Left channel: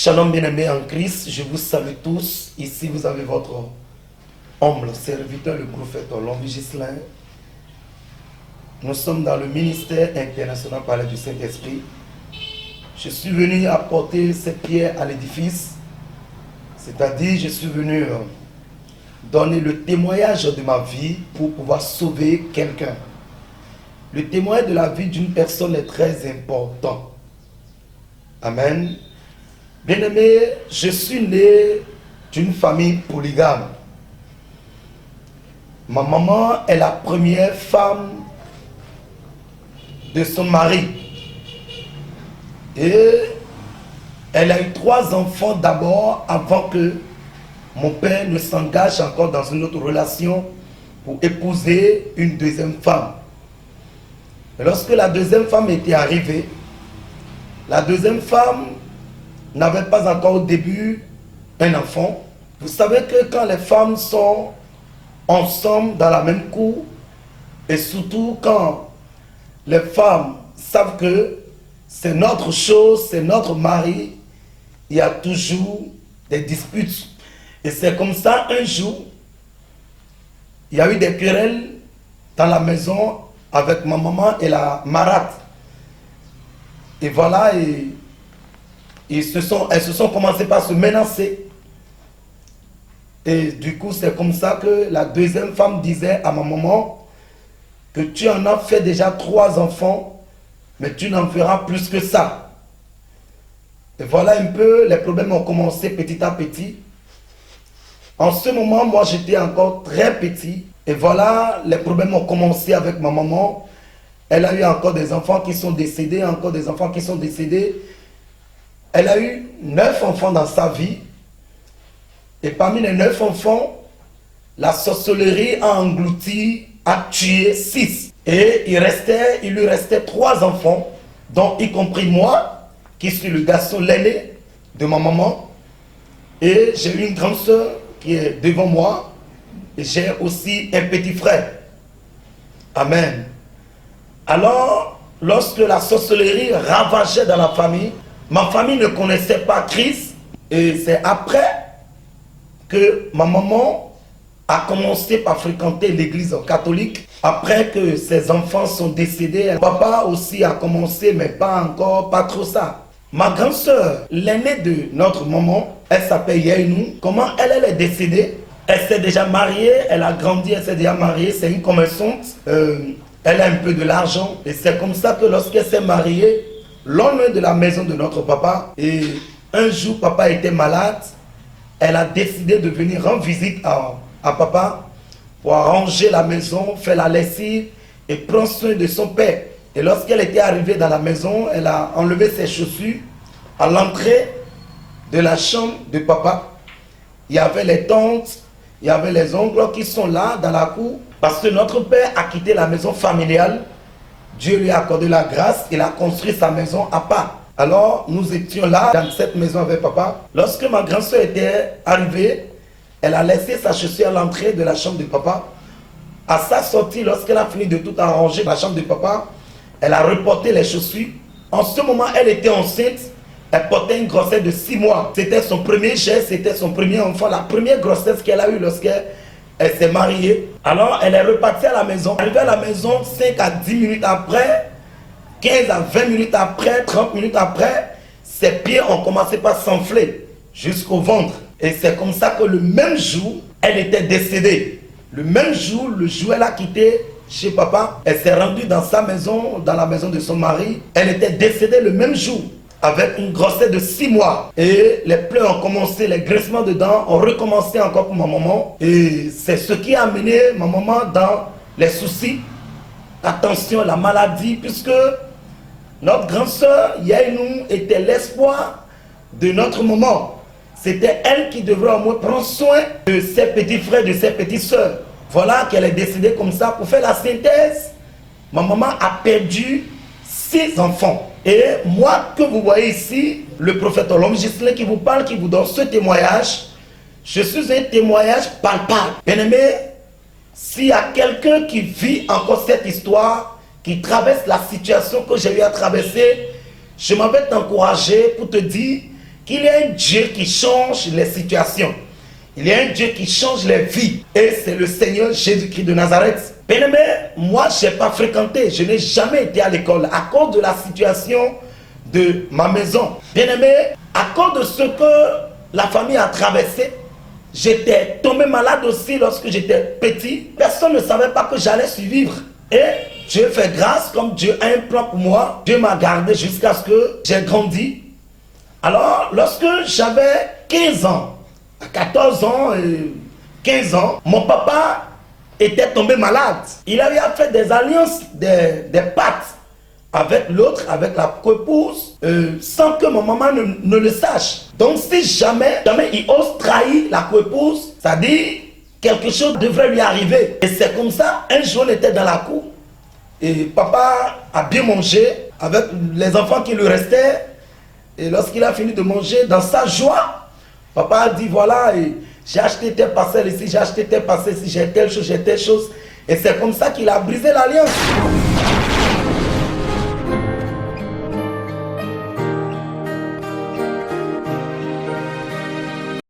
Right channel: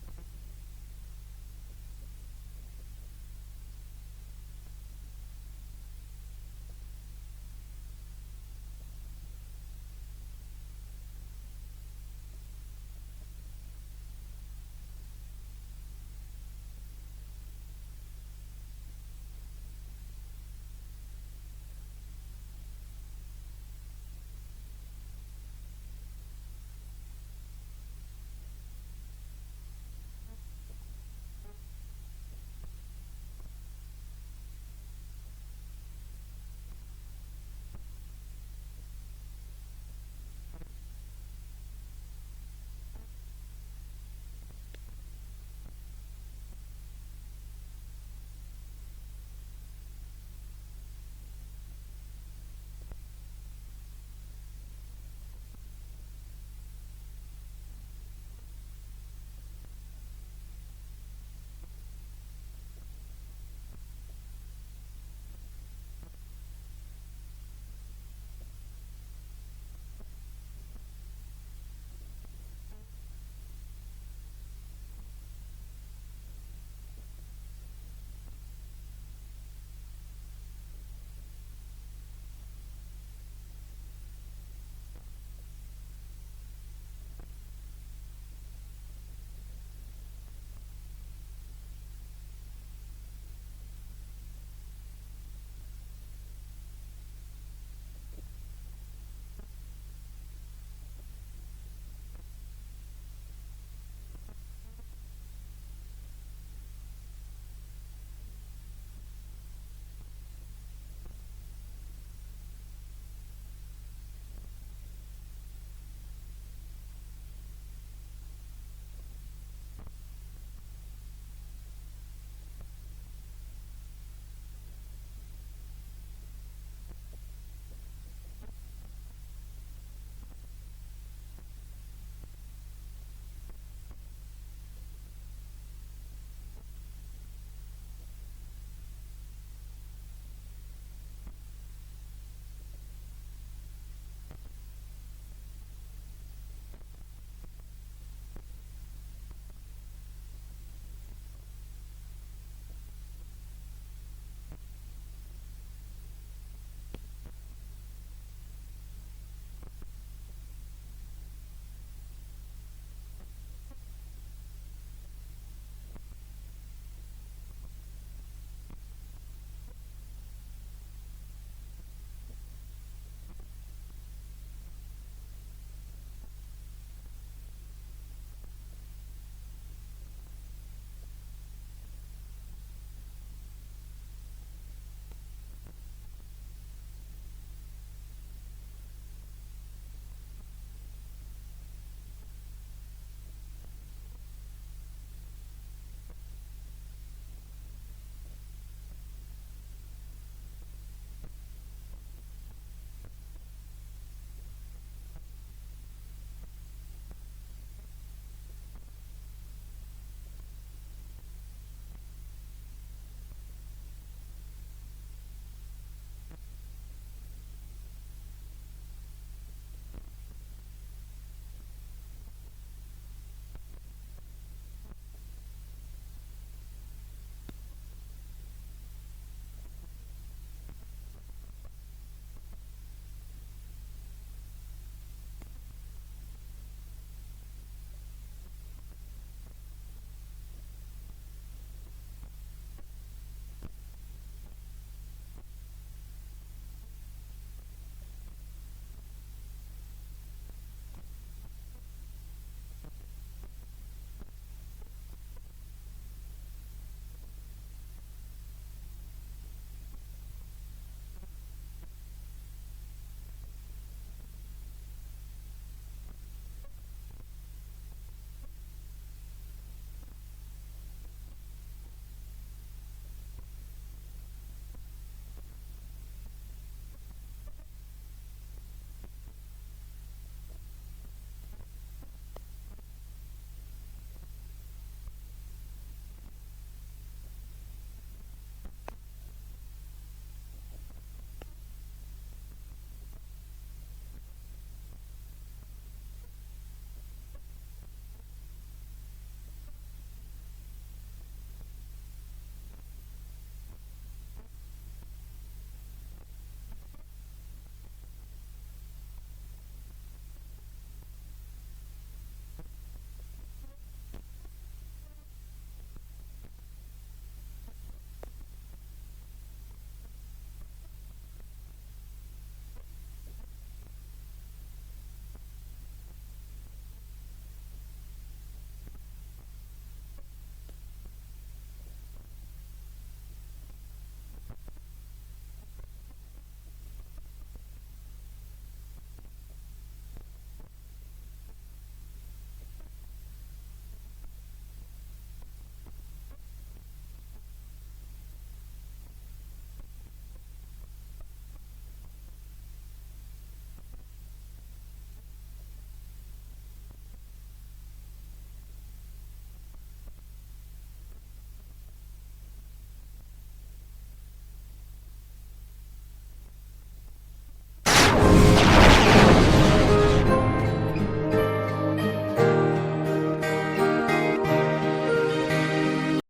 Shalom bien-aimés en Christ, je vous salue tous. Ici vous avez votre humble serviteur, le prophète Olombi Gislain. Nous sommes dans le ministère international par l'aide du Saint-Esprit. Je suis venu apporter cette pierre à l'édifice, c'est-à-dire je suis venu donner le témoignage de ma vie pour pouvoir sauver quelqu'un. Le témoignage de la vie d'une personne est très important. Amen. Bien-aimé, je suis né d'une famille polygame. Ma maman est la première femme de son mari. Et elle a eu 3 enfants d'abord avant que mon père ne s'engage encore dans une autre relation pour épouser une deuxième femme. Et lorsque la deuxième femme était arrivée, la deuxième femme n'avait pas encore au début un enfant. Vous savez que quand les femmes sont ensemble dans la même cour, et surtout quand les femmes savent que c'est notre chose, c'est notre mari, il y a toujours des disputes. Et c'est comme ça, un jour, il y a eu des querelles dans la maison avec ma maman et la marâtre. Et voilà, elles se sont commencées par se menacer. Et du coup, c'est comme ça que la deuxième femme disait à ma maman que tu en as fait déjà 3 enfants, mais tu n'en feras plus que ça. Et voilà un peu, les problèmes ont commencé petit à petit. En ce moment, moi, j'étais encore très petit. Et voilà, les problèmes ont commencé avec ma maman. Elle a eu encore des enfants qui sont décédés, encore des enfants qui sont décédés. Elle a eu 9 enfants dans sa vie. Et parmi les 9 enfants, la sorcellerie a englouti, a tué 6. Et il lui restait 3 enfants, dont y compris moi, qui suis le garçon l'aîné de ma maman. Et j'ai une grande soeur qui est devant moi. Et j'ai aussi un petit frère. Amen. Alors, lorsque la sorcellerie ravageait dans la famille, ma famille ne connaissait pas Christ. Et c'est après que ma maman a commencé par fréquenter l'église catholique. Après que ses enfants sont décédés, papa aussi a commencé, mais pas trop ça. Ma grande soeur, l'aînée de notre maman, elle s'appelle Yainou. Comment elle est décédée? Elle s'est déjà mariée, elle a grandi, elle s'est déjà mariée, c'est une commerçante. Elle a un peu de l'argent. Et c'est comme ça que lorsqu'elle s'est mariée, loin de la maison de notre papa, et un jour papa était malade, elle a décidé de venir rendre visite à papa pour arranger la maison, faire la lessive et prendre soin de son père. Et lorsqu'elle était arrivée dans la maison, elle a enlevé ses chaussures. À l'entrée de la chambre de papa, il y avait les tantes, il y avait les oncles qui sont là dans la cour. Parce que notre père a quitté la maison familiale. Dieu lui a accordé la grâce, il a construit sa maison à part. Alors, nous étions là, dans cette maison avec papa. Lorsque ma grande soeur était arrivée, elle a laissé sa chaussure à l'entrée de la chambre de papa. À sa sortie, lorsqu'elle a fini de tout arranger dans la chambre de papa, elle a reporté les chaussures. En ce moment, elle était enceinte. Elle portait une grossesse de 6 mois. C'était son premier geste, c'était son premier enfant, la première grossesse qu'elle a eue lorsqu'elle s'est mariée. Alors, elle est repartie à la maison. Arrivée à la maison, 5 à 10 minutes après, 15 à 20 minutes après, 30 minutes après, ses pieds ont commencé par s'enfler jusqu'au ventre. Et c'est comme ça que le même jour, elle était décédée. Le même jour, le jour où elle a quitté chez papa, elle s'est rendue dans sa maison, dans la maison de son mari. Elle était décédée le même jour, avec une grossesse de 6 mois. Et les pleurs ont commencé, les graissements de dents ont recommencé encore pour ma maman. Et c'est ce qui a amené ma maman dans les soucis, la tension, la maladie, puisque notre grande sœur, Yainou, était l'espoir de notre maman. C'était elle qui devrait au moins prendre soin de ses petits frères, de ses petites sœurs. Voilà qu'elle est décédée comme ça. Pour faire la synthèse, ma maman a perdu 6 enfants. Et moi, que vous voyez ici, le prophète Olombi Gislain qui vous parle, qui vous donne ce témoignage, je suis un témoignage palpable. Bien-aimé, s'il y a quelqu'un qui vit encore cette histoire, qui traverse la situation que j'ai eu à traverser, je m'en vais t'encourager pour te dire qu'il y a un Dieu qui change les situations. Il y a un Dieu qui change les vies. Et c'est le Seigneur Jésus-Christ de Nazareth. Bien-aimé, moi, je n'ai pas fréquenté. Je n'ai jamais été à l'école à cause de la situation de ma maison. Bien-aimé, à cause de ce que la famille a traversé, j'étais tombé malade aussi lorsque j'étais petit. Personne ne savait pas que j'allais survivre. Et Dieu fait grâce, comme Dieu a un plan pour moi. Dieu m'a gardé jusqu'à ce que j'ai grandi. Alors, lorsque j'avais 15 ans, à 14 ans et 15 ans, mon papa était tombé malade. Il avait fait des alliances, des pactes avec l'autre, avec la coépouse, sans que mon maman ne le sache. Donc si jamais il ose trahir la coépouse, ça dit quelque chose devrait lui arriver. Et c'est comme ça, un jour on était dans la cour, et papa a bien mangé avec les enfants qui lui restaient. Et lorsqu'il a fini de manger, dans sa joie, papa a dit voilà, j'ai acheté tes parcelles ici, j'ai acheté tes parcelles ici, j'ai telle chose, j'ai telle chose. Et c'est comme ça qu'il a brisé l'alliance.